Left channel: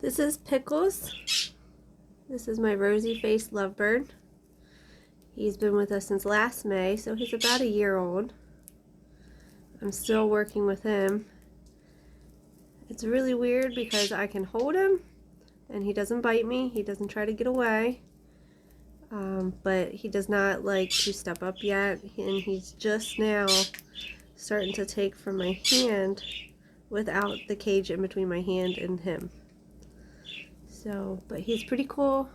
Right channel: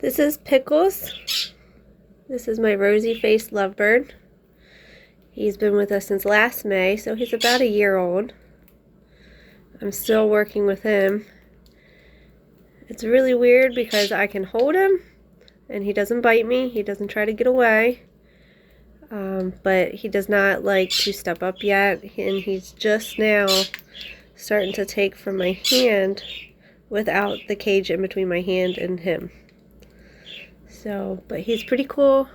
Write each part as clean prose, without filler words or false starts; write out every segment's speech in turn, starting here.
This is Pickles. This is my rosy-faced lovebird. He's been with us since last May, so he's about a year old. I'm still working with him. It's really weird because I can hold him and he doesn't bite me. He doesn't try to get away. But he does not like to step up yet, and he's just now starting to take from my hand without the cage in between my hand and him. So, but he's pretty cool.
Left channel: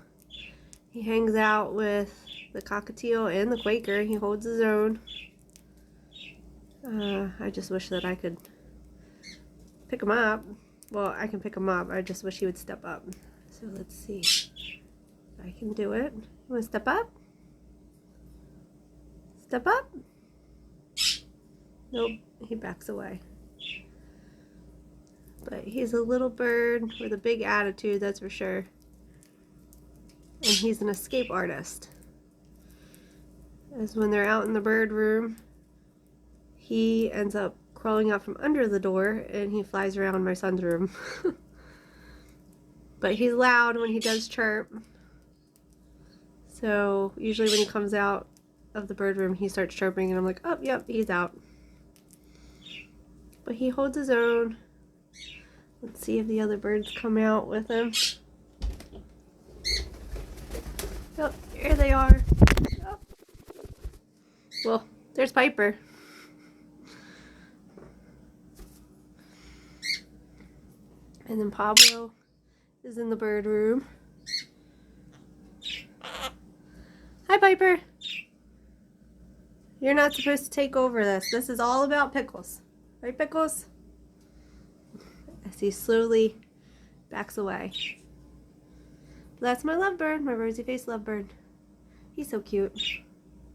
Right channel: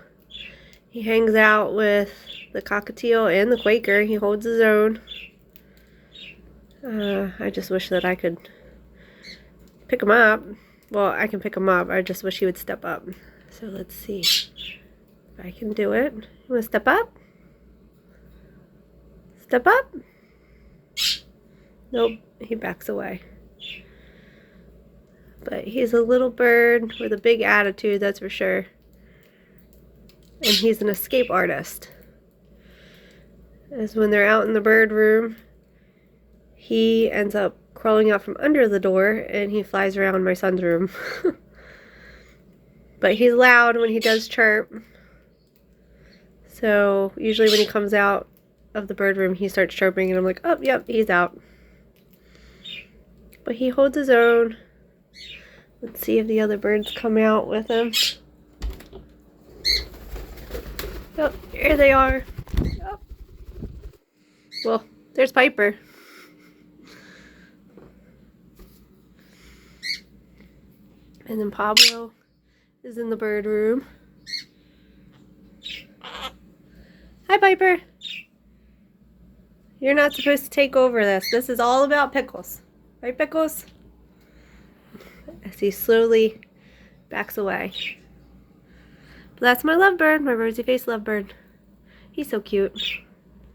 He hangs out with the cockatiel and the Quaker. He holds his own. I just wish that I could pick him up. Well, I can pick him up. I just wish he would step up. So let's see if I can do it. You want to step up? Step up? Nope, he backs away. But he's a little bird with a big attitude, that's for sure. And he's an escape artist. As when they're out in the bird room, he ends up crawling out from under the door and he flies around my son's room. But he's loud when he does chirp. So usually when he comes out of the bird room, he starts chirping and I'm like, oh, yep, he's out. But he holds his own. Let's see if the other birds come out with him. Oh, here they are. Oh. Well, there's Piper. And then Pablo is in the bird room. Hi, Piper. You're not supposed to take over this. This is all about Pickles. Right, Pickles? As he slowly backs away. But that's my lovebird, my rosy-faced lovebird. He's so cute.